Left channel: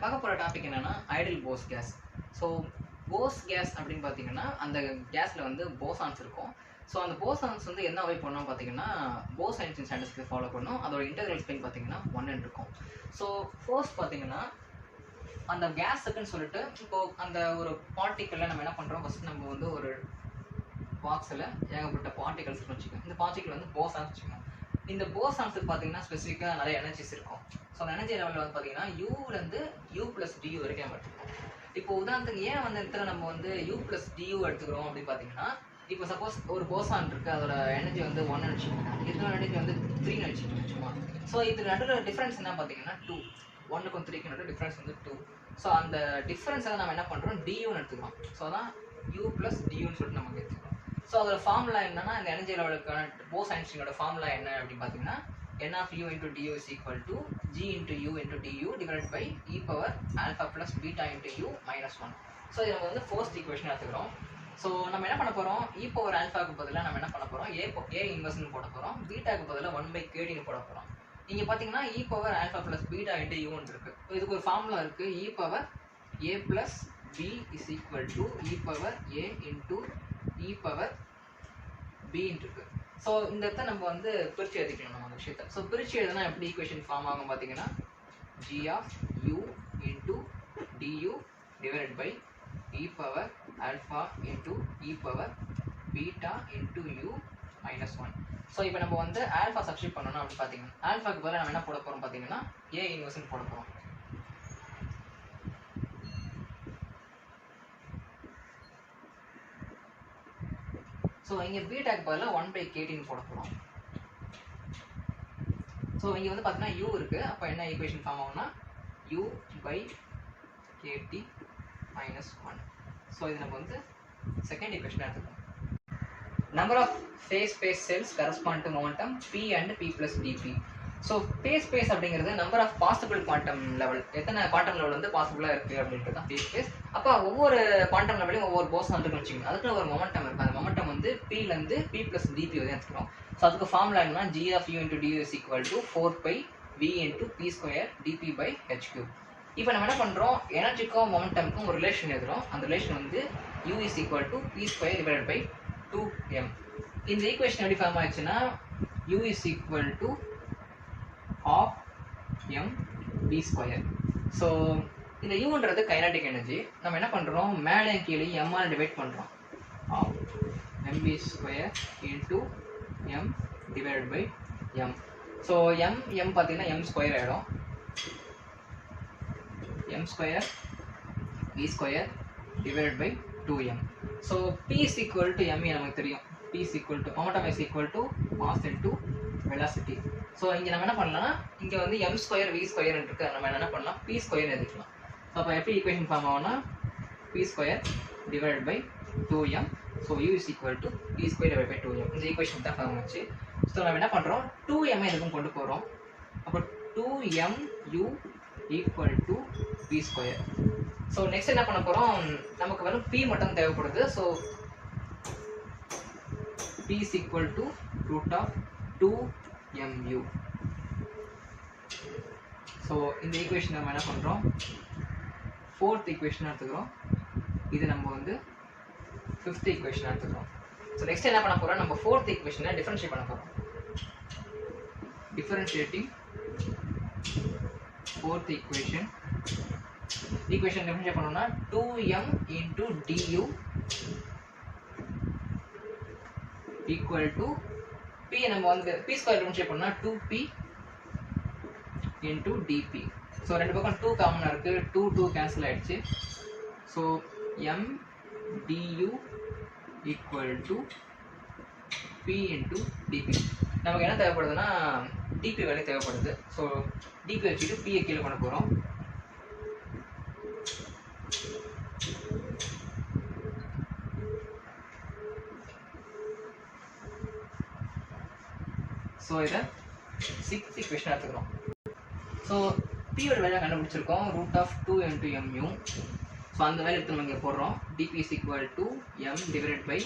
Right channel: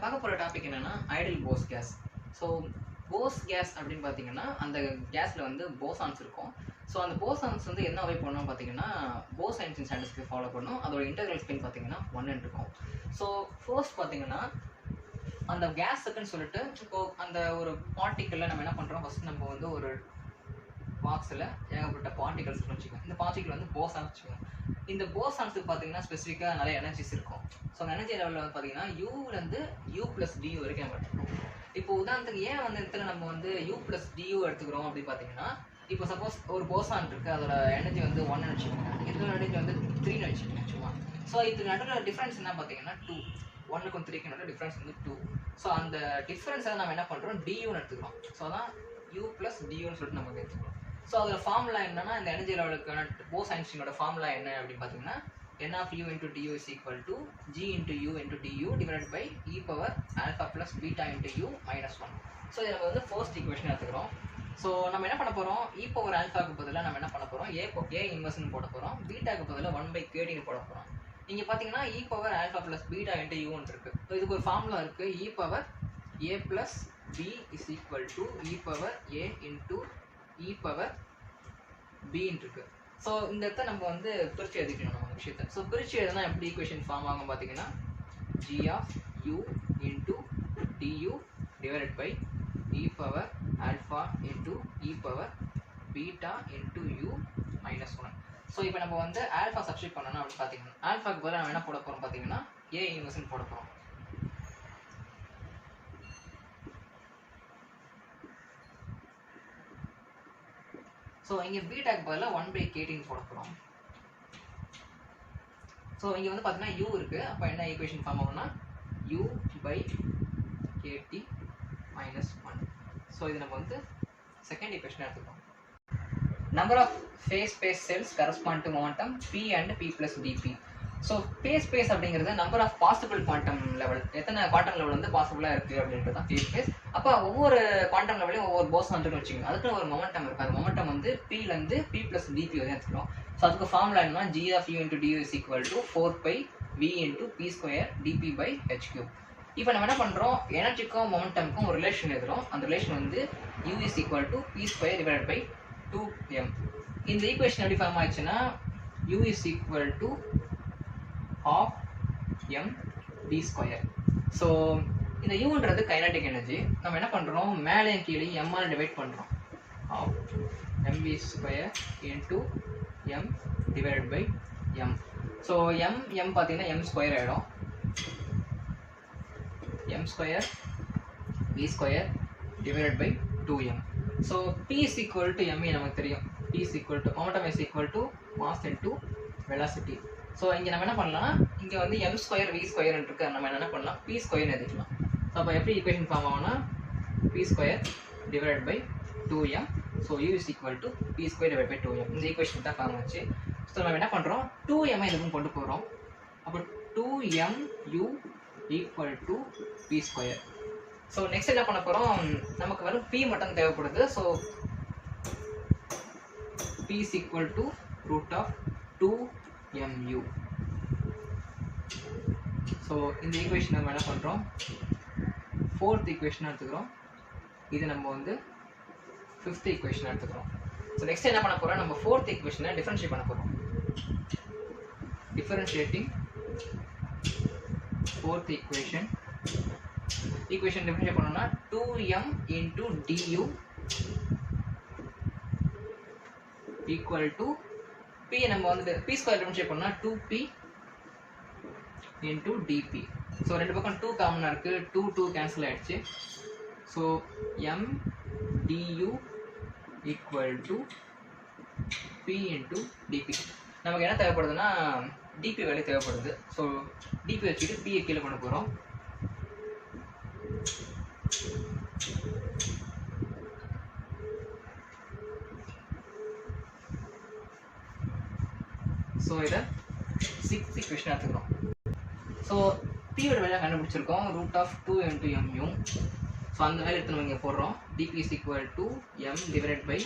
பார்க்க போகிற டாபிக் என்னன்னா ideal Bose gas. So Bose gas அப்படின்னு பார்த்தீங்கன்னா அந்த கேஸில் வந்து போசான்ஸ் இருக்கும். ஸோ அந்த போசான்ஸ் வந்து என்ன அவை பண்ணணும் பார்த்தீங்கன்னா போஸ் ஐன்ஸ்டீன் ஸ்டாண்டர்ட்ஸ்க்கு ஃபாலோ பண்ணும். அதோட இன்டெக்ரல் ஸ்பின் பார்த்தீங்கன்னா 1 இருக்கும். ஸோ ஃபர்ஸ்ட் பார்த்தீங்கன்னா அந்த கேஸுக்குன்னு சொல்லிட்டு இப்போ அந்த ஒரு பார்ட்டிக்கலில் நம்ம என்ன பண்ணுறோம், ஃபர்ஸ்ட் நம்ம வந்து ஒரு பாக்ஸில் ஏகப்பட்ட பார்ட்டிகல்ஸ் வச்சுக்கோங்க. இந்த பார்ட்டிகல் வந்து போசான்ஸ் வச்சுக்கோங்க. இந்த போசான்ஸுக்கு பார்த்தீங்கன்னா ஸ்பெசிஃபிக்காக நிறைய எனர்ஜிஸ் இருக்கும். ஸோ அந்த எனர்ஜி லெவலில் வந்து பார்த்தீங்கன்னா யூலேருந்து U + DU வரைக்கும் நம்ம எடுத்துக்கிறோம். இப்போ உதாரணத்துக்கு ஏன் வந்து இடத்துல நம்ம வந்து U + DU எடுத்துக்கிறோம் அப்படின்னு பார்த்தீங்கன்னா, இப்போ சப்போஸ் ஒரு போசான் இருக்குது, அதோட எனர்ஜி வந்து 1 வச்சுக்கோங்க, இதோட எனர்ஜி வந்து 3 வச்சுக்கோங்க சும்மா. ஸோ இது நடுவில் டிஃப்ரென்ஸ் என்ன பார்த்தீங்கன்னா 2, 1க்கும் 3க்கும் நடுவில் டிஃப்ரென்ஸ் வந்து 2. ஸோ அந்த டிஃப்ரென்ஸை நம்ம என்ன பண்ணுறோம், DUன்னு எடுத்துக்கிறோம். ஸோ அதான் U + DUன்னு சொல்லிட்டு நம்ம எடுத்துக்கிறோம். ஸோ அதோட ஃபார்முலா என்னன்னா, இந்த எனர்ஜி லெவலுக்கான போஸ் ஐன்ஸ்டீனோட ஃபார்முலா என்ன அப்படின்னு பார்த்தீங்கன்னா, NU × DU = G × U × DU divided by e power alpha plus beta × U minus 1. So இதை நம்ம வந்து ஃபர்ஸ்ட் ஈக்குவேஷன் எடுத்துக்கிறோம். ஸோ நம்ம என்ன பண்ண போகிறோம், e power alphaக்கு பதிலாக நம்ம என்ன பண்ண போகிறோம், a இன்வெர்ஸ்னு போட போகிறோம், பீட்டாக்கு பதிலாக 1/kdன்னு போட போகிறோம். இங்கே பார்த்தீங்கன்னா e power alpha plus beta × U இருக்குது. ஸோ இதுக்கு ஒரு ஃபார்முலா இருக்குது, e power a plus b is equal to e power a into e power b இருக்கு. ஸோ இந்த இடத்த நம்ம வந்து பிரித்து எழுதிக்கணும் நம்ம விஷயத்தை. ஸோ பிரித்து எழுதுனா எப்படி ஈக்குவேஷன் ஃபார்ம் ஆகும் பார்த்தீங்கன்னா, g of u into du divided by e power alpha into e power beta into u minus 1. So இப்போ நம்ம வந்து ஆல்ஃபா சப்ஸ்டிட் பண்ணணும் அப்படின்னு பார்த்தீங்கன்னா, ஆல்ஃபாக்கு பதிலாக நம்ம என்ன போட போகிறோம் பார்த்தீங்கன்னா a இன்வெர்ஸ்னு போட போகிறோம். ஸோ இங்கே பீட்டாக்கு பதிலாக 1/kdன்னு போட போகிறோம். ஸோ இங்கே வந்து பார்த்தீங்கன்னா u இருக்குது, அப்போ என்ன ஈக்குவேஷன் ஃபார்ம் ஆகும்னா u/kt minus 1. ஸோ இது நம்ம வந்து செகண்ட் ஈக்குவேஷன் எடுத்துக்கோம். Number of phase space cells correspond to momentum p and p plus dp. So phase space அப்படிங்கிறது number of possible quantum level, எத்தனை குவாண்டம் லெவல் வந்து பாசிபிளாக இருக்குது அப்படின்றது தான் ஃபேஸ் ஸ்பேஸ். அப்போ ஒவ்வொரு குவாண்டம் லெவலையும் ஒவ்வொரு போசான் இருக்குன்னு வச்சுக்கோங்க, அதுக்கு ஒரு மொமெண்டம் இருக்குது. அந்த மொமெண்டம் வந்து Pலேருந்து p plus dp வந்து எடுத்துக்கிறோம். ஸோ அதுக்கு ஃபார்முலா என்னன்னா, g of u into du is equal to 4πv into p² dp/h³. இப்போ நம்ம என்ன பண்ணுறோம், எனர்ஜிக்கும் மொமெண்டமுக்கும் ஒரு ரிலேஷன் எழுதுகிறோம். அந்த ரிலேஷன் வந்து u is equal to p² divided by 2m. இந்த ஈக்குவேஷன் எப்படி ஃபார்ம் ஆயிடுச்சுன்னா, u is equal to half m v². So இந்த யூன்றது கைனடிக் எனர்ஜி. நம்ம என்ன பண்ணுறோம், மேலே கீழே m ஆல் டிவைட் பண்ணுறோம். half mv² into m divided by m. So m பார்த்தீங்கன்னா m² ஆகிடும், m² v² divided by 2m. So p is equal to m நமக்கு தெரியும், p is equal to momentum is equal to mass into velocity. So இங்கே நம்ம என்ன பண்ணலாம், இங்கே வந்து m² v² இருக்கு, நம்ம என்ன பண்ணலாம் p² எழுதிக்கலாம். ஸோ அப்போ எப்படி ஈக்குவேஷன் ஃபார்ம் ஆகும்னா p² divided by 2m. So u is equal to p² divided by 2m. இந்த ஈக்குவேஷன் தான் ஃபார்ம் ஆச்சு. ஸோ நம்ம என்ன பண்ணுறோம், 2m இதுக்கும் கொண்டு போகிறோம். அப்போ 2mu equal to p². So next என்ன பண்ண போகிறோம், நமக்கு வெறும் p மட்டும் தேவைப்படுது. So p is equal to √2mu. So இந்த ஈக்குவேஷன் நம்ம என்ன பண்ணுறோம், ஃபோர்த் ஈக்குவேஷன் எடுத்துக்கிறோம். இது நம்ம வந்து ஃபிஃப்த் ஈக்குவேஷன் எடுத்துக்கிறோம். ஸோ நெக்ஸ்ட் என்ன பண்ண போகிறோம், நம்ம ஃபோர்த் ஈக்குவேஷனை டிஃபரன்ஷியேட் பண்ண போகிறோம். டிஃபரன்ஷியேட்டிங் ஃபோர்த் ஈக்குவேஷன் டிஃபரன்ஷியேட் பண்ணோம்னா 2m into du equal to p. நம்ம வந்து p² டிஃபரன்ஷியேட் பண்ணா 2p into dp. ஸோ ரெண்டு பக்கம் 2 காமனாக இருக்குது, 2 கேன்சல் ஆகிடுச்சு. So m du equal to p into dp. நமக்கு என்ன தேவைப்படுதுன்னா dp வேல்யூ தேவைப்படுது. ஸோ dp வச்சுட்டு p கீழே கொண்டு போகிறோம். ஸோ இதை சிக்ஸ்த் ஈக்குவேஷன் எடுத்துக்கிறோம். ஸோ பியோட வேலை கண்டுபிடிச்சிருக்கோம், √2 into mu. ஸோ அந்த வேலை எடுத்து நம்ம இங்கே போடுறோம். dp is equal to m divided by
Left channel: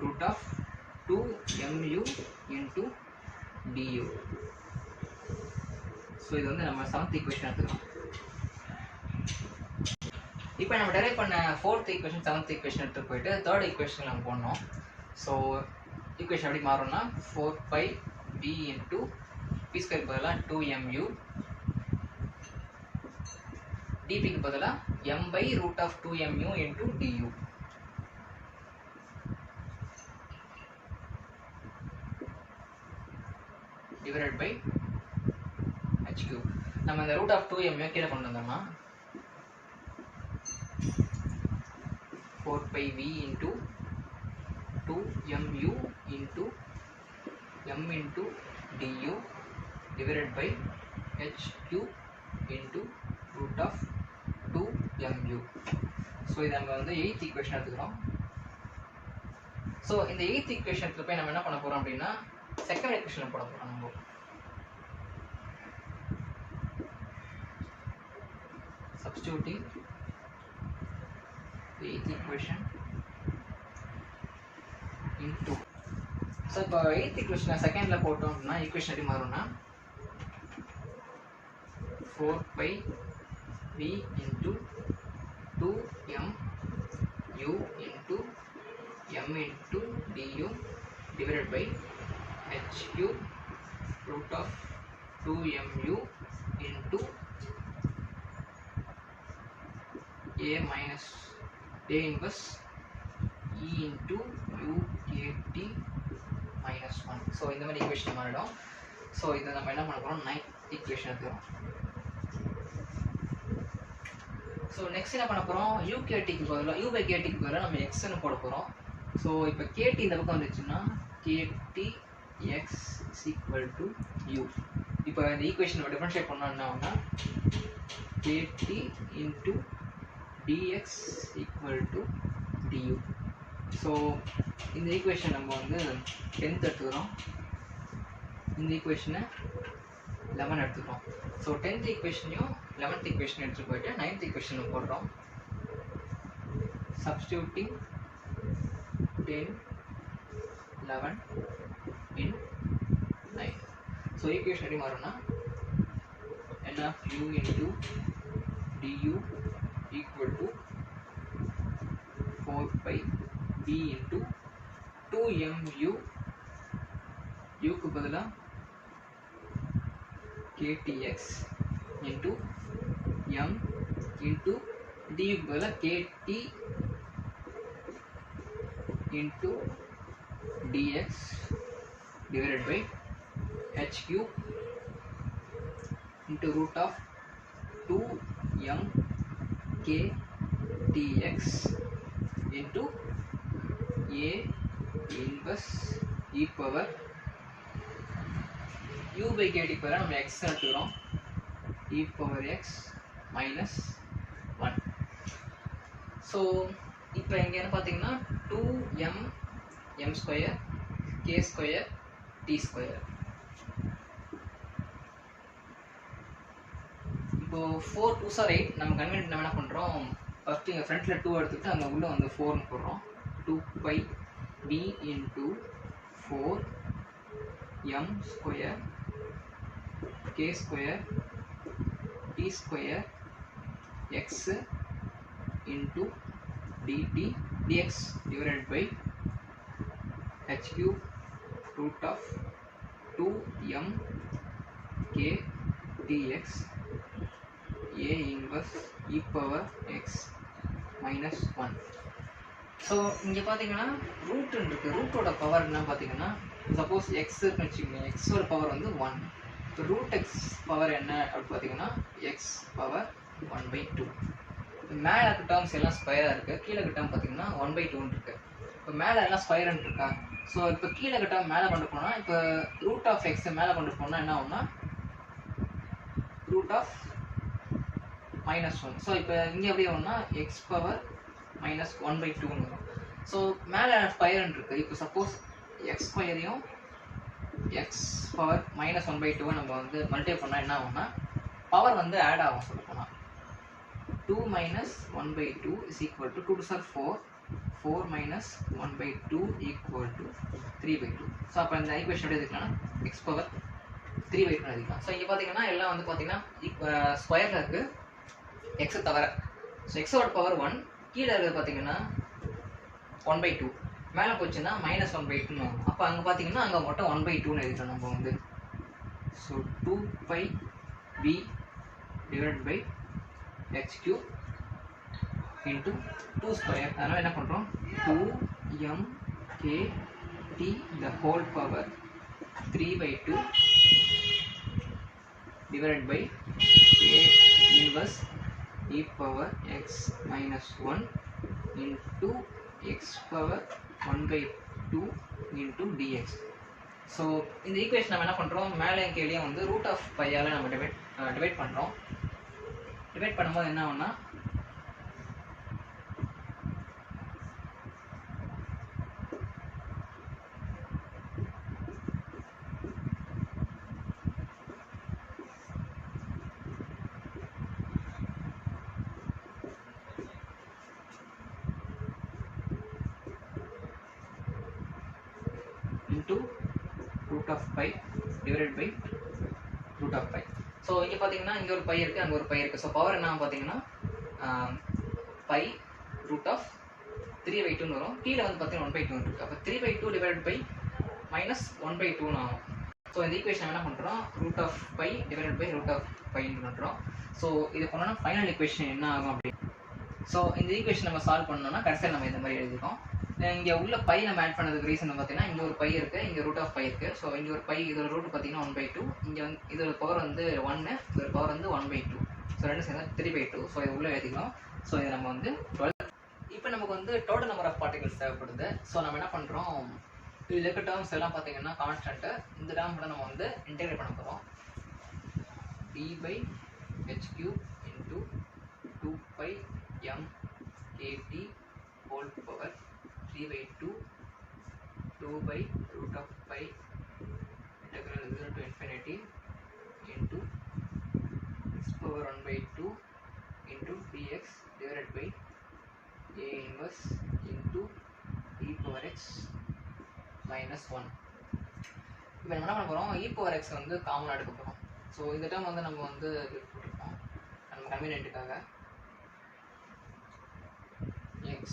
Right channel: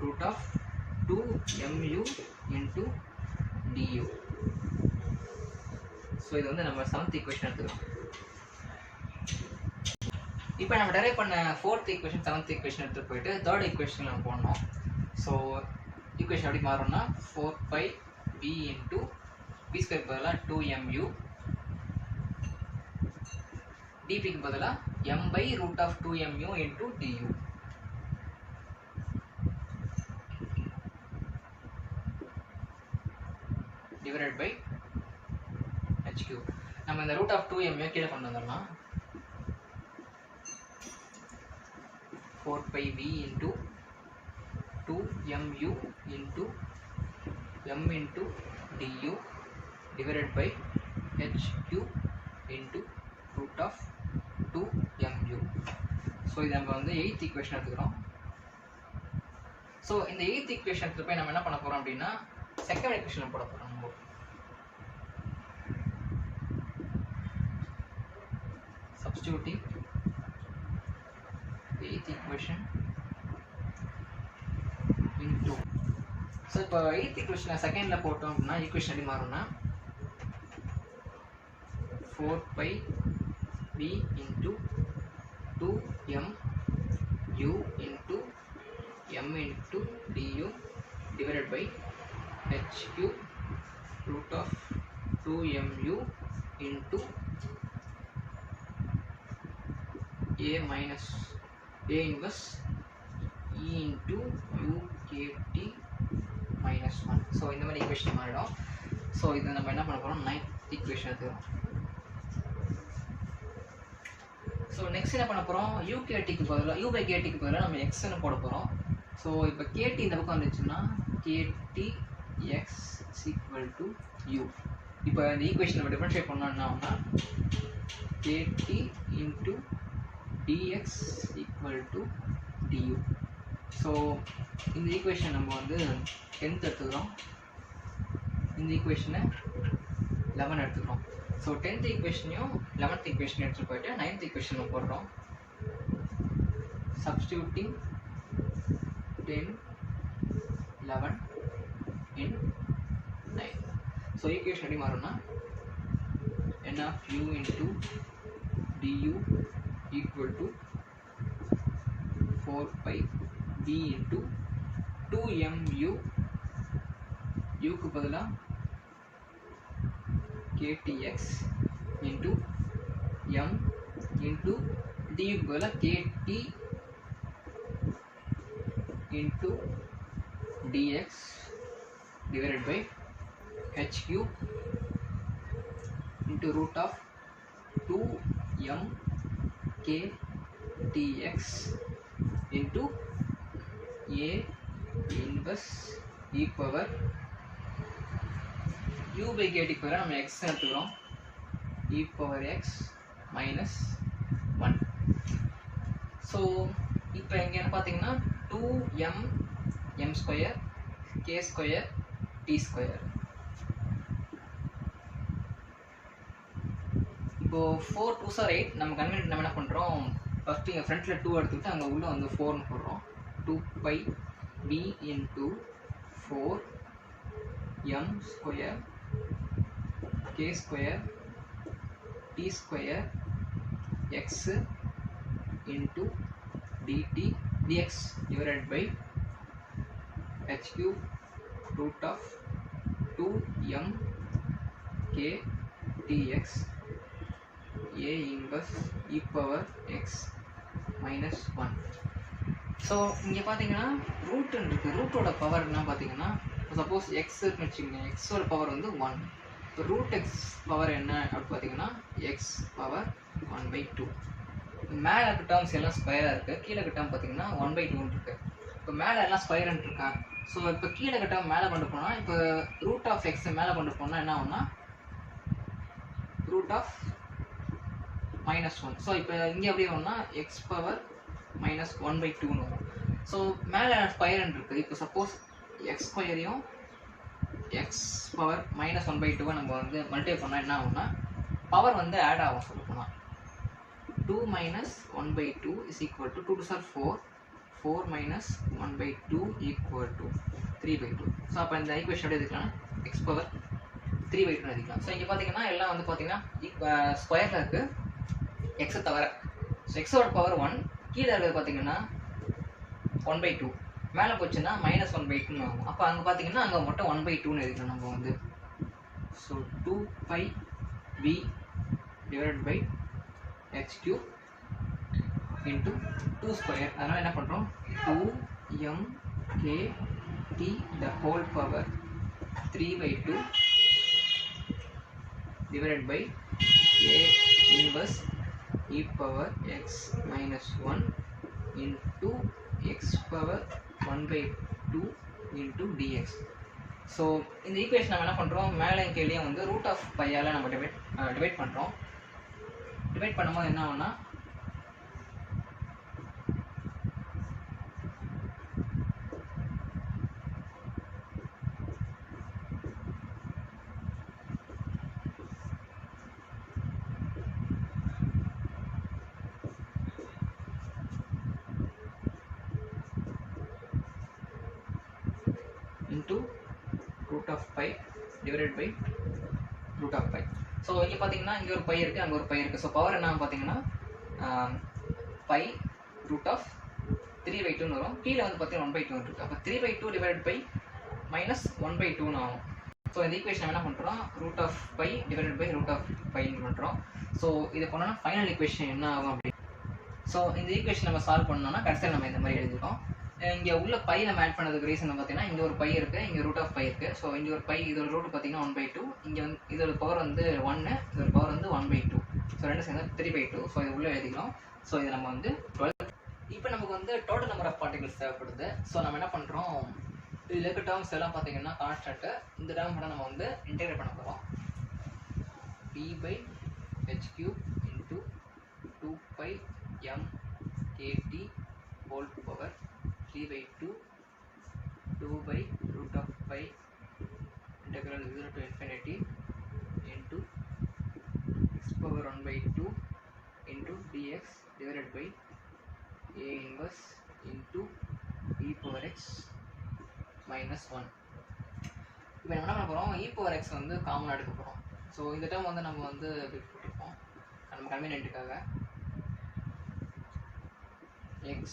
√2mu into du. So இது வந்து நம்ம செவன்த் ஈக்குவேஷன் எடுத்துக்கிறோம். இப்போ நம்ம டெரைவ் பண்ண 4th ஈக்குவேஷன் 7th ஈக்குவேஷன் எடுத்து போயிட்டு 3rd ஈக்குவேஷன் நம்ம போடணும். ஸோ ஈக்குவேஷன் எப்படி மாறும்னா 4πb இன்ட்டு பி ஸ்கொயருக்கு பதிலாக 2mu dpக்கு பதிலாக m/√2mu into du divided by h3. நம்ம இந்த √2mu கீழே கொண்டு வந்தோம்னா 4πv into 2mu into m into du divided by h3 into √2mu. So இதை நம்ம வந்து 8th ஈக்குவேஷன் எடுத்துக்கிறோம். ஸோ இந்த 8th ஈக்குவேஷனுக்கு போய் நம்ம என்ன பண்ண போகிறோம் அப்படின்னா செகண்ட் ஈக்குவேஷன் போட போகிறோம். நம்ம substituting the 8th equation into. So இப்போ 8th ஈக்குவேஷனை செகண்டில் போட்டோம் அப்படின்னா ஈக்குவேஷன் எப்படி மாறும்னா 4πb into 2mu into m into du divided by h3 √2mu into a minus a inverse e into ukt minus 1. So இந்த மாதிரி ஈக்குவேஷன் மாறிடும். ஸோ இது நம்ம என்ன பண்ண போகிறோம் 9th ஈக்குவேஷன் எடுத்துக்கிறோம். ஸோ நெக்ஸ்ட் என்ன பண்ண போகிறோம் யூகேடிக்கு பதிலாக u/kt பதிலாக நம்ம எக்ஸ்ன்னு போட போகிறோம். ஸோ இப்போ கேடி இந்த பக்கம் வந்துச்சுன்னா kt x equal to u. இப்போ இந்த ஈக்குவேஷன் நம்ம டிஃபரன்ஷியேட் பண்ணோம் என்ன ஆகும்னா kt into dx equal to du. So இந்த ஈக்குவேஷன் நம்ம வந்து 10th எடுத்துக்கிறோம். இந்த ஈக்குவேஷனை 11 எடுத்துக்கிறோம். ஸோ 10th ஈக்குவேஷனையும் 11th ஈக்குவேஷன் எடுத்துகிட்டு போயிட்டு 9th ஈக்குவேஷனை போடுறோம். substituting 10 11 in 9. ஸோ ஈக்குவேஷன் எப்படி மாறும்னா n of u into du equal to 4πb into 2mu க்கு பதிலாக ktx into m into du க்கு பதிலாக kt into dx divided by h3 into √2m ktx into a inverse e power u/kt பதிலாக நம்ம x எடுத்துக்கிறோம் e power x minus 1. So இப்போ இங்கே என்ன பார்த்தீங்கன்னா 2m m square k square t square. இப்போ 4 2s are 8. நம்ம கன்வென்ட் நம்ம என்ன பண்ணுறோம் ஃபர்ஸ்ட் இங்கே ஃப்ரண்ட்டில் 2 எடுத்துக்கிட்டு அங்கே உள்ள வந்து 4ன்னு போடுறோம். 2πb into 4m square k square t square x into dt dx divided by h3 √2m k dx a inverse e power x minus 1. So இங்கே பார்த்தீங்கன்னா ரூட்டுன்னு இருக்குது. ரூட்டோட பவர் என்ன பார்த்தீங்கன்னா சப்போஸ் எக்ஸ் இருக்குன்னு வச்சுக்கோங்க. எக்ஸோட பவர் வந்து 1. இப்போ √x பவர் என்ன அப்படின்னு பார்த்தீங்கன்னா எக்ஸ் பவர் 1/2. மேலே இருக்க டேர்ம்ஸ் எல்லாம் ஸ்கொயராக இருக்குது. கீழே இருக்க டேர்ம் பார்த்தீங்கன்னா 1/2 இருக்குது. இப்போ மேலே எல்லாம் ஸ்கொயர்ன்னு இருக்கா. ஸோ இப்போ கீழே இருக்க டேர்ம் மேலே கொண்டு போனால் இப்போ √x மேலே கொண்டு போனால் என்ன ஆகும்னா √-1. ஸோ இப்போ இங்கே எப்படி வரும்னா எக்ஸ் பவர் -1/2ன்னு வரும். ஸோ மேலே ஸ்கொயர்ன்னு இருக்குது. இப்போ சப்போஸ் எக்ஸ் ஸ்கொயரையும் எக்ஸ் பவர் -1/2 நம்ம வந்து மல்டிப்ளை பண்ணால் என்ன ஆகும்னா பவர் வந்து ஆட் ஆகும். சொல்ல போனால் 2 - 1/2 is equal to 2 to 4. 4 - 1/2 equal to 3/2. So அப்போ இந்த ஈக்குவேஷன் எப்படி எடுத்துக்கலாம் எக்ஸ் பவர் 3/2 எடுத்துக்கலாம். ஸோ இங்கே பார்த்தீங்கன்னா எல்லாம் வந்து பார்த்தீங்கன்னா ஸ்கொயரில் இருக்குது எக்ஸை தவிர. ஸோ எக்ஸோட பவர் 1, கீழே இருக்கிறது பார்த்தீங்கன்னா 1/2, மேலே போச்சுன்னா -1/2 ஆகும். அப்போ அங்கே பார்த்தீங்கன்னா அங்கே மட்டும் 1/2ன்னு எழுதிக்கலாம் நம்ம வந்து. So 2πb divide by h³ into 2². அதனால் என்ன பண்ணுறோம், 2mkt the whole power 3/2 divided by a inverse e power x minus 1 into x power 1/2 into dx. So இந்த ஈக்குவேஷன் நம்ம என்ன பண்ணுறோம், மேலே கீழே வந்து √π நம்ம டிவைட் பண்ணுறோம். டிவைட் பண்ணும்போது என்ன ஆகும்னா into √π divided by √π. ஸோ இங்கே பார்த்தீங்கன்னா இங்கே ஒரு பை இருக்குது, அங்கே ஒரு பை இருக்குது. ஸோ பவர் என்ன பார்த்தீங்கன்னா π √3/2 வரும். கீழே வந்து பார்த்தீங்கன்னா 1/2 இருக்குது. அப்போ 3/2 டிவைட் பை -1/2 ஆகும். ஸோ இந்த ஈக்குவேஷன் என்ன பண்ணுறோம், √π டிவைட் பை √πன்னு பண்ணுறோம். ஸோ இது பண்ணோன்னா ஃபைனல் ஈக்குவேஷன் என்ன ஆகும் அப்படி. ஸோ இந்த ஈக்குவேஷன் நம்ம சால்வ் பண்ணோம்னா கடைசியில் நம்ம இந்த மாதிரி எழுதிருக்கோம். இங்கே உள்ள பை நம்ம ஆட் பண்ணதுக்கு ரீசன் பார்த்தீங்கன்னா இங்கே ஒரு பை இருக்குது, இங்கே √π இருக்குது. ஸோ இங்கே ஒரு பை, இதோட ரூட் பார்த்தீங்கன்னா 1/2, இங்கே வந்து இதோட பவர் வந்து 1, இதோட பவர் வந்து 1/2. ஸோ ரெண்டு சேர்ந்து 3/2. ஸோ இது உள்ளே எழுதிக்கலாம். ஸோ இது நம்ம வந்து 12. இப்போ நமக்கு வந்து டோட்டல் நம்பர் ஆஃப் பார்ட்டிகல்ஸ் தேவைப்படுது. ஸோ நம்ம என்ன பண்ணுறோம், இதில் இருக்க டேர்ம்ஸ் எல்லாம் பார்த்தீங்கன்னா கான்ஸ்டன்ட்டு. இந்த டேர்ம் கூட நம்ம வந்து இன்டெகிரேட் பண்ண போகிறோம். d/h³ into 2πmkt whole power 3/2 2/√π integral 0 to infinity into x power 1/2 into dx divided by a inverse into e power x minus 1. இப்போ நம்ம என்ன பண்ண போகிறோம், e power x வந்து காமனாக எடுக்க போகிறோம். ஸோ இந்த டேர்ம் வந்து நம்ம வந்து போட்டிருக்கோம் நம்ம கன்வீனியன்ட்டுக்காக. x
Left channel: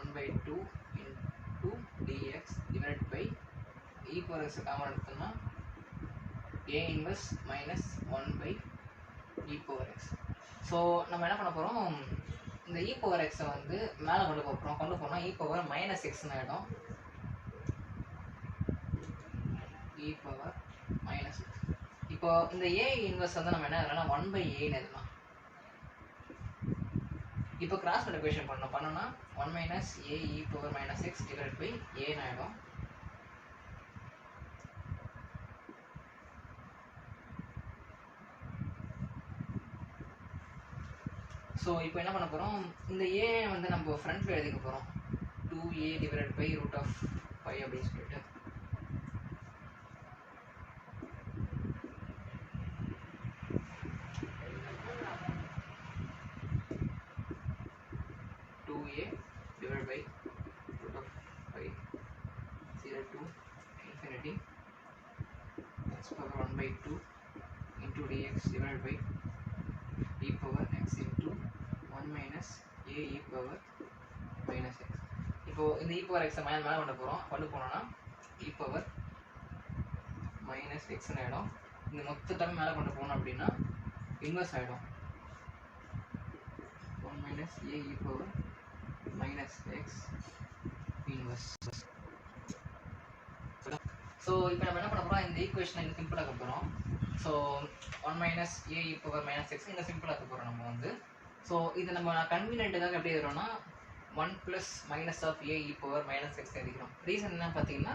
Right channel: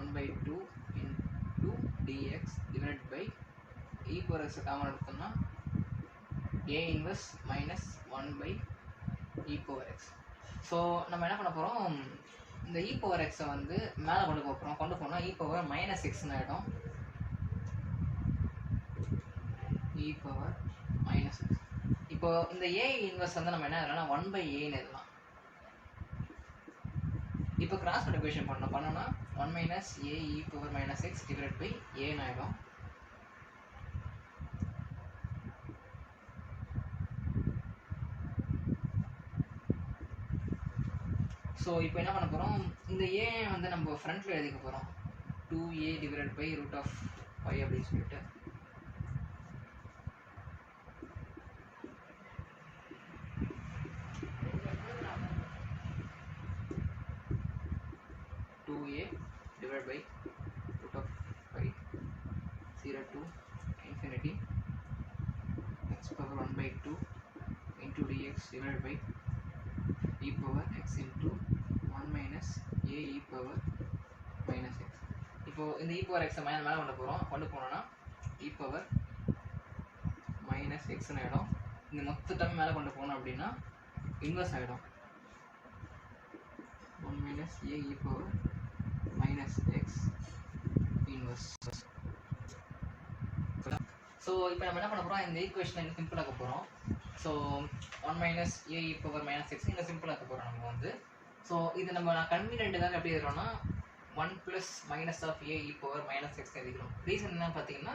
1/2 into dx divided by e power x common எடுத்தோம்னா a inverse minus 1/e power x. So நம்ம என்ன பண்ண போகிறோம், இந்த e power x வந்து மேலே கொண்டு போகிறோம். கொண்டு போனால் e power -xன்னு ஆகிடும். e power -x. இப்போ இந்த a இன்வெர்ஸ் வந்து நம்ம என்ன எழுதலாம், 1/aன்னு எழுதலாம். இப்போ கிராஸ் மல்டிப்ளிகேஷன் பண்ணோம்னா 1 - a e power -x divided by a ஆகிடும். ஸோ இப்போ என்ன பண்ண போகிறோம், இந்த a வந்து நம்ம ஃப்ரண்ட்டில் எழுதிக்க போகிறோம். 2a divided by √π அப்படின்னு சொல்லிட்டு. divided by √π 0 to infinity x power 1/2 into dx divided by e power x into 1 - a e power -x. இப்போ இந்த e power x மேலே கொண்டு போகிறோம். கொண்டு போனோம்னா e power -xன்னு ஆகிடும். இந்த மொத்த டேர்ம் மேலே கொண்டு போனோம் அப்படின்னா இன்வெர்ஸ் ஆகிடும். 1 - a e power -x inverse. So இப்போ நம்ம என்ன பண்ண போகிறோம், இந்த ஈக்குவேஷனை இந்த சிம்பிள் ஆக்க போகிறோம். So 1 - a e power -x இந்த சிம்பிள் ஆக்க போகிறோம் நம்ம வந்து. ஸோ இது நம்ம கன்வீனியன்ட்டுக்காக எப்படி எழுதுறோம்னா 1 + - a e power -x எழுதிக்கிறோம். ரீசன் என்ன பார்த்தீங்கன்னா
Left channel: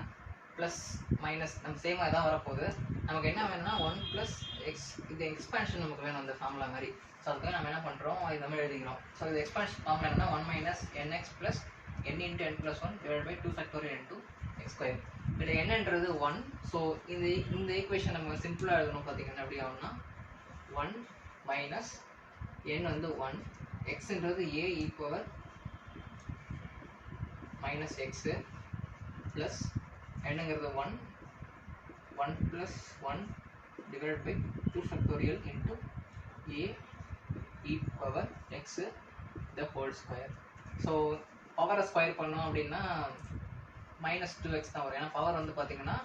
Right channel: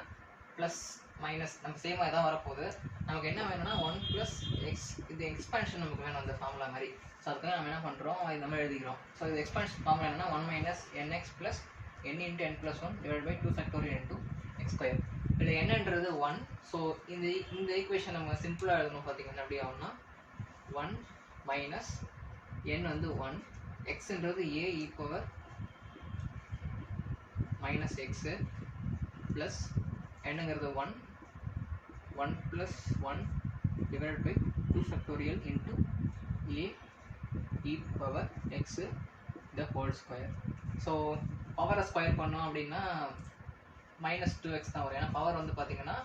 ப்ளஸ் மைனஸ் நம்ம சேமாக தான் வரப்போகுது. நமக்கு என்ன வேணும்னா 1 + x, இது எக்ஸ்பான்ஷன் நமக்கு வேணும் அந்த ஃபார்முலா மாதிரி. ஸோ அதுக்காக நம்ம என்ன பண்ணுறோம், இது நம்ம எழுதிக்கிறோம். ஸோ இது எக்ஸ்பான்ஷன் ஃபார்முலா என்னன்னா 1 - nx + n × n + 1 divided by 2 factorial into x². இதில் என்னன்றது 1. ஸோ இந்த ஈக்குவேஷன் நம்ம சிம்பிளாக எழுதணும். பார்த்தீங்கன்னா எப்படி ஆகும்னா 1 - n வந்து 1, xன்றது a e power -x plus என்னங்கிறது 1 + 1 divided by 2 factorial into a e power x the whole square. So பவரை ஸ்கொயர் பண்ணோம் அப்படின்னா -2x தான் வரும். ஏன்னா பவர் வந்து பார்த்தீங்கன்னா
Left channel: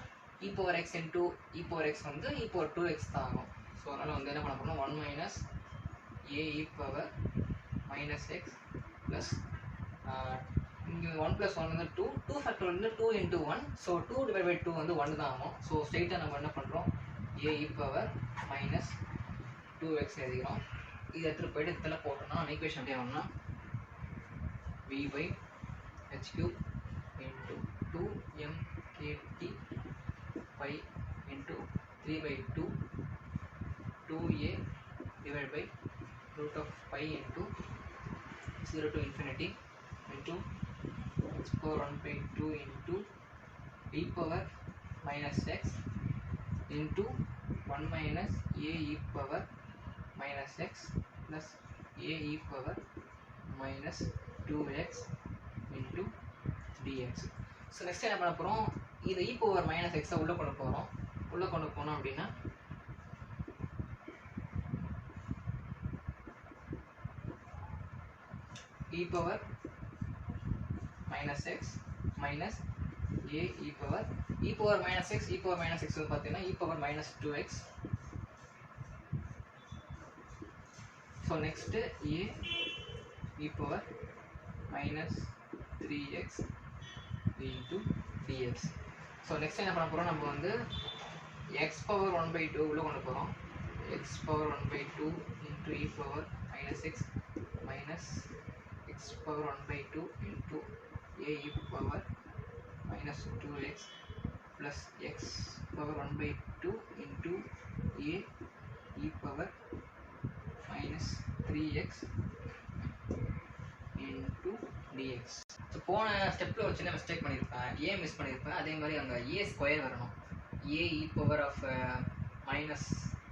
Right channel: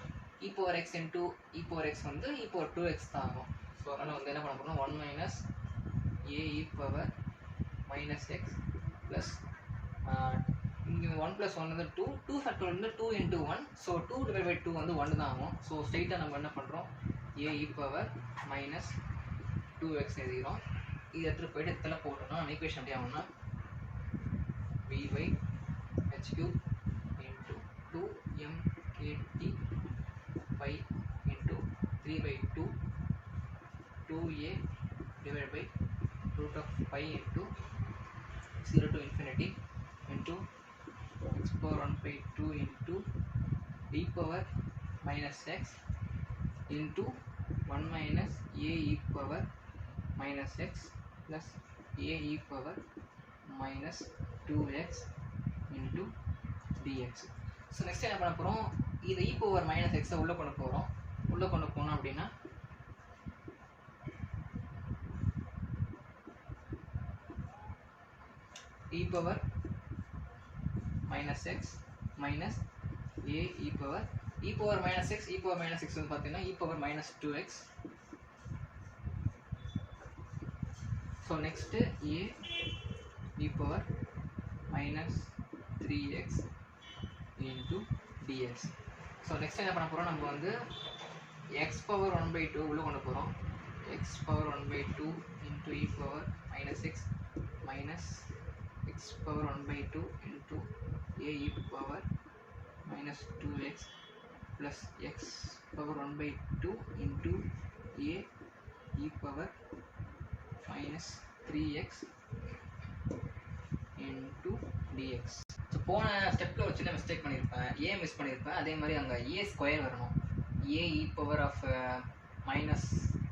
e power x into e power x வந்து e power 2x தான் ஆகும். ஸோ அதனால் வந்து என்ன பண்ண போகிறோம் 1 minus a e power minus x plus இங்கே 1 plus 1 வந்து 2, 2 factorial வந்து 2 into 1, ஸோ 2 divided by 2 வந்து 1 தான் ஆகும். ஸோ ஸ்ட்ரெயிட்டாக நம்ம என்ன பண்ணுறோம் a e power minus 2x எழுதிக்கிறோம். இது எடுத்துகிட்டு போயிட்டு இதில் போட்டோம்னா ஈக்குவேஷன் எப்படி ஆகும்னா v by h cube into 2mkt pi into 3 by 2 2a divided by root of pi into 0 to infinity into x power 1 by 2 into e power minus x into 1 minus a e power minus x plus a e power minus 2x into dx. So next என்ன பண்ண போகிறோம் இது e power minus x உள்ளே கொண்டு போகிறோம். உள்ளே கொண்டு போனோம் அப்படின்னா e power minus x minus a e power minus x வந்து பார்த்தீங்கன்னா e power minus 2x. So next a e power minus 3x into dx. So next என்ன பண்ண போகிறோம் நம்ம வந்து x power 1 by 2 உள்ளே கொண்டு போகிறோம். x power 1 by 2 into e power minus x minus x power 1 by 2 into a e power minus 2x plus x power 1 by 2 into a e power minus 3x into dx. So போன ஸ்டெப்பில் ஒரு சின்ன mistake பண்ணியிருப்பேன், ஏ miss பண்ணியிருப்பேன். அதே மாதிரி அங்கே A square வரணும். A E power of minus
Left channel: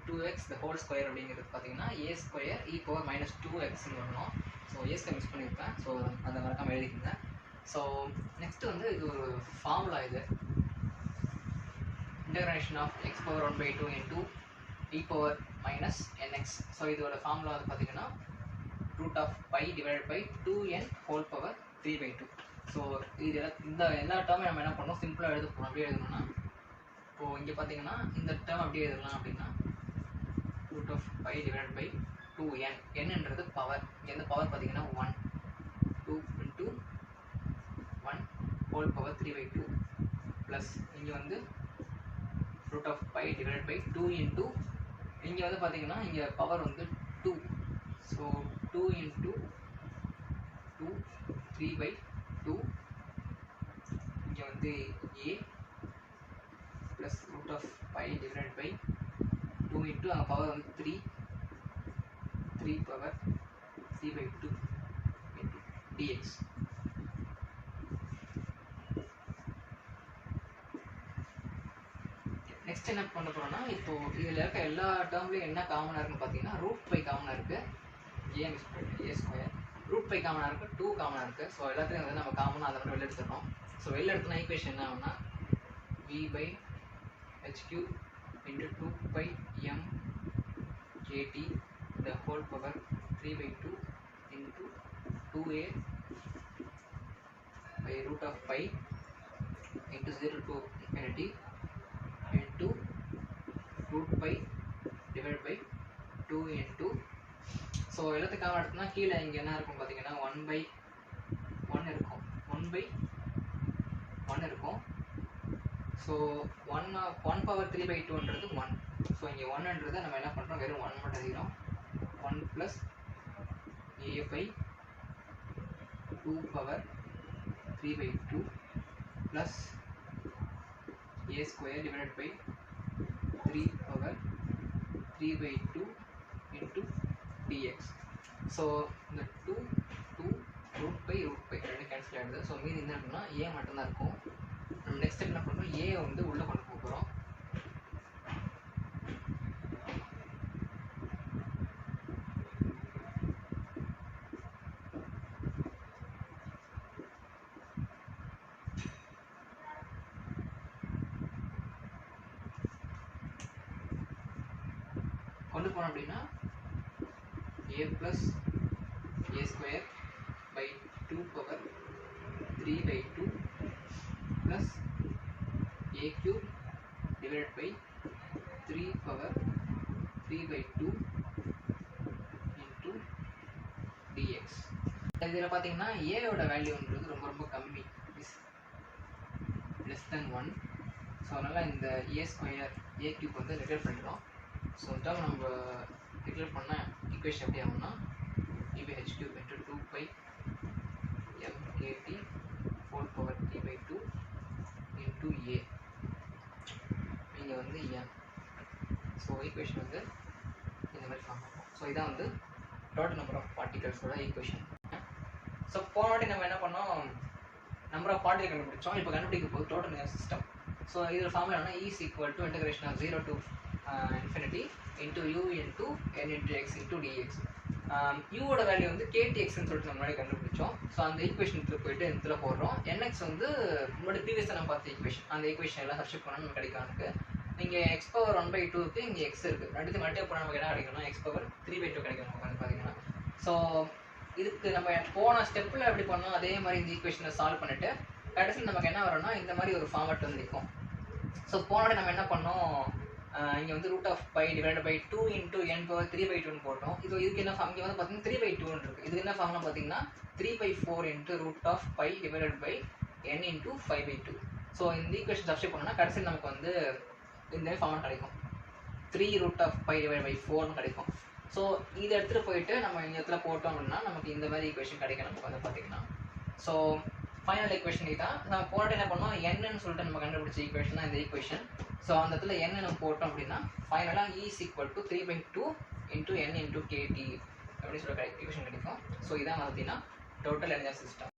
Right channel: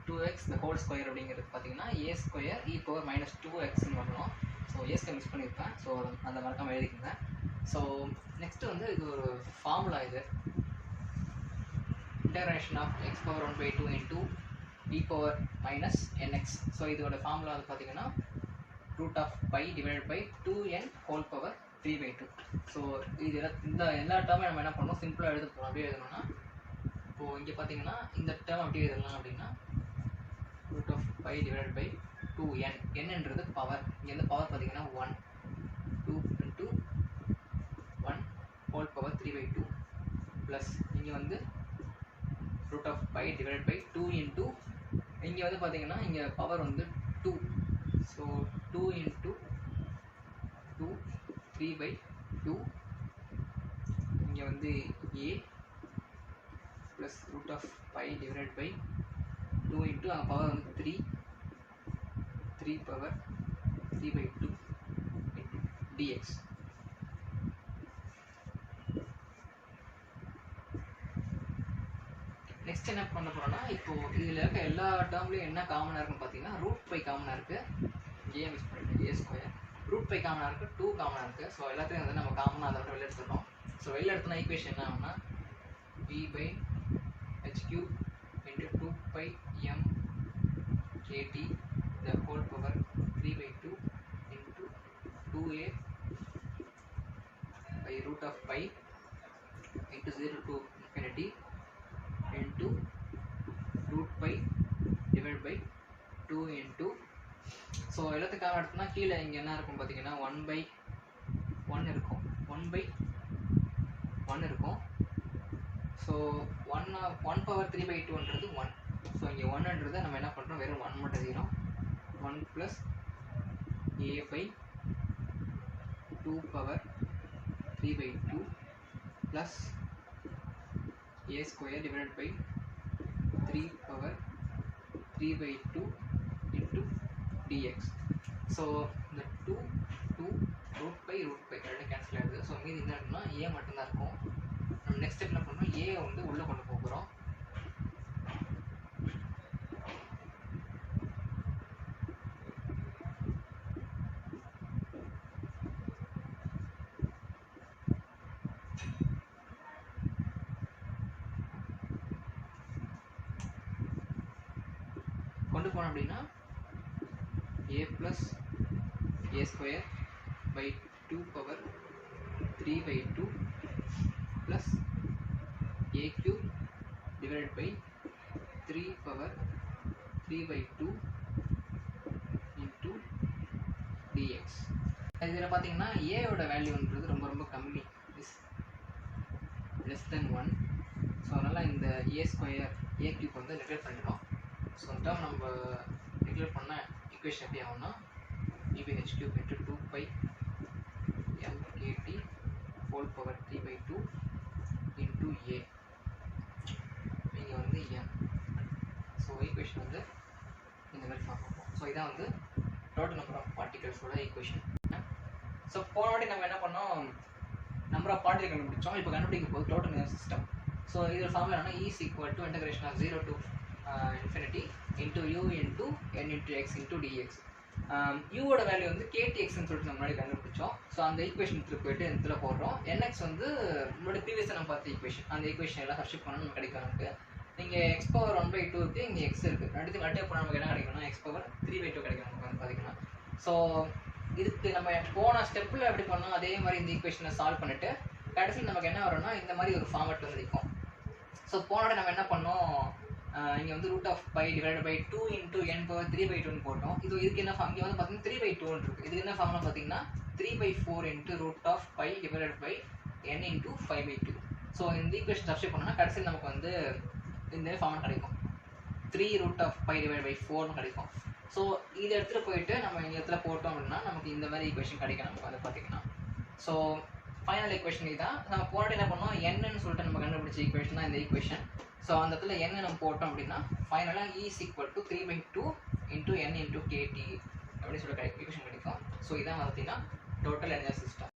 2x the whole square அப்படிங்கிறது பார்த்தீங்கன்னா A square E power minus 2xன்னு வரணும். ஸோ ஏ ஸ்கொயர் மிஸ் பண்ணியிருப்பேன். ஸோ அந்த மறக்காமல் எழுதிக்கங்க. ஸோ நெக்ஸ்ட்டு வந்து இது ஒரு ஃபார்முலா, இது integration of x power 1 by 2 into e power minus nx. So இதோட ஃபார்முலா வந்து பார்த்தீங்கன்னா root of pi divided by 2n whole power 3 by 2. So இது இந்த எல்லா டேர்மையும் நம்ம என்ன பண்ணோம் சிம்பிளாக எழுத போகிறோம். அப்படியே எழுதணும்னா இப்போது இங்கே பார்த்தீங்கன்னா இந்த டேர்ம் அப்படியே எழுதலாம் அப்படின்னா root of pi divided by 2n. என்னன்றது பவர், இங்கே வந்து பவர் பார்த்தீங்கன்னா 1 2 into 1 whole power 3 by 2 plus இங்கே வந்து root of pi divided by 2 into இங்கே வந்து பார்த்தீங்கன்னா இங்கே பவர் வந்து 2, ஸோ 2 into 2 3 by 2 இங்கே வந்து a plus root of pi divided by 2 into அங்கே பவர் வந்து 3 power 3 by 2 into dx. Next என்ன பண்ண போகிறோம்னா இப்போது இதில் இருக்க எல்லா டேர்ம்லேயும் என்ன காமனாக இருக்குன்னு பார்த்தீங்கன்னா ரூட் பை காமனாக இருக்குது, ஏ மிஸ் பண்ணிட்டு ஏ ஸ்கொயர், ரூட் பை காமனாக இருக்குது, 2 காமனாக இருக்குது. ஸோ எல்லாத்தையும் வந்து நம்ம காமனாக அதை வந்து வெளில எடுத்துட்டோம். ஸோ வெளில எடுத்தோம்னா ஈக்குவேஷன் என்ன ஆகும்னா v by h cube into 2 pi m kt the whole power 3 by 2 into 2a by root of pi into 0 to infinity into root pi divided by 2 into. So எல்லாத்துக்காக எடுத்தோம்னா கீழே இங்கே என்ன இருக்கும் பார்த்தீங்கன்னா 1 by 1 இருக்கும், 1 by 1 இருக்கும். So 1 power 3 by 2ன்றது 1. ஸோ இங்கே 1ன்றதை நம்ம என்ன பண்ணுறோம் வெறும் 1 மட்டும் எழுதிக்கிறோம். 1 plus a by 2 power 3 by 2 plus a square divided by 3 power 3 by 2 into dx. So இந்த 2 root by ரெண்டு கேன்சல் ஆகிடுது. ஸோ மீதி என்ன இருக்குன்னா a மட்டும்தான் இருக்கும். நம்ம நெக்ஸ்ட் என்ன பண்ணுறோம் a வந்து உள்ளே கொண்டு போகிறோம். கொண்டு போனோம் அப்படின்னா a plus a square by 2 power 3 by 2 plus a cube divided by 3 power 3 by 2 into dx. இதில் பார்த்தீங்கன்னா ஏயோட வேல்யூன்றது ரொம்ப ரொம்ப கம்மி, இஸ் லெஸ் தென் 1. ஸோ அதனால் இந்த ஏ ஸ்கொயர் ஏ கியூப் வந்து நெக்லெக்ட் பண்ணிடுறோம். ஸோ டேர்ம் நம்ம நெக்லெக்ட் பண்ண ஈக்குவேஷன் எப்படி ஆகும்னா EBH cube into 2 pi mkt whole power 3 by 2 into a, இங்கே வந்து n. ஸோ ஈக்குவேஷன் வந்து இந்த மாதிரி ஃபார்ம் ஆகும். ஸோ இதான் வந்து டோட்டல் நம்பர் ஆஃப் பார்ட்டிகல்ஸோட ஈக்குவேஷன். ஸோ போன வாட்டி நம்ம என்ன பண்ணோம், நம்பர் ஆஃப் பார்ட்டிகல் கண்டுபிடிச்சோம். இப்போ கண்டுபிடிக்க போது டோட்டல் எனர்ஜி சிஸ்டம். ஸோ இதில் ஃபார்முலா என்ன, E is equal to integration of 0 to infinity into u into n into x into dx. யூவோட வேல்யூ வந்து KTXன்னு சொல்லிட்டு நம்ம முன்னாடி கண்டுபிடிச்சோம். ஸோ அந்த ஈக்குவேஷனுக்கு போயிட்டு இதில் போடுறோம். NX வந்து முன்னாடி ப்ரீவியஸாக நம்ம பார்த்த ஈக்குவேஷன், அந்த ஈக்குவேஷன் எல்லாம் சப்ஸ்டிட் பண்ணால் நமக்கு கிடைக்கும். நமக்கு இங்கே x பவர் 1 by 2 இருக்குது, இங்கே x இருக்குது. ரெண்டுத்தையும் மல்டிப்ளை பண்ணால் நமக்கு என்ன கிடைக்கும்னா x பவர் 3 by 2 கிடைக்கும் நமக்கு வந்து பார்த்தீங்கன்னா. ஸோ இதுக்கு நம்ம போன ஸ்டெப்பில் எப்படி பண்ணோம் அதே மாதிரி இந்த ஈக்குவேஷனை சால்வ் பண்ணிவிட்டு கடைசியில் நமக்கு என்ன வரும்னா இந்த மாதிரி ஒரு ஃபார்மேட் வந்து இருக்கும். ஸோ போனோட நம்ம என்ன பண்ணோம், இங்கே வந்து root of pi divide by 2 into n power 3 by 2 போட்டோம். இதுக்கு என்ன ஃபார்ம், இங்கே வந்து பார்த்தீங்கன்னா 3 by 2 இருக்குது. இதுக்கு என்ன ஃபார்ம்னா பார்த்தீங்கன்னா 3 by 4 into root of pi divide by n into 5 by 2. So இந்த ஈக்குவேஷன் சப்ஸ்டிட் பண்ணோம்னா கடைசியில் நமக்கு வந்து இந்த ஃபார்ம் கிடைக்கும், 3 root of pi divide by 4 கிடைக்கும். ஸோ இதை எடுத்துகிட்டு போயிட்டு நம்ம இந்த இடத்துல போட்டோம் அப்படின்னா நமக்கு இந்த மாதிரி ஈக்குவேஷன் கிடைக்கும் நமக்கு வந்து பார்த்தீங்கன்னா. ஸோ ஃபைனல் ஈக்குவேஷன் இதுதான். நம்ம போட்டு என்ன பண்ணோம், என்னன்னு சொல்லிட்டு நம்ம கண்டுபிடிச்ச ஈக்குவேஷன் தான் இந்த ஈக்குவேஷன். ஸோ அந்த இடத்துல என்ன நம்ம போட்டோம் அப்படின்னா ஃபைனலாக E is equal to 3 by 2 into n into KT அப்படின்னு சொல்லி ஈக்குவேஷன் கிடைக்கும். ஸோ இதான் பார்த்தீங்கன்னா டோட்டல் எனர்ஜி சிஸ்டம்.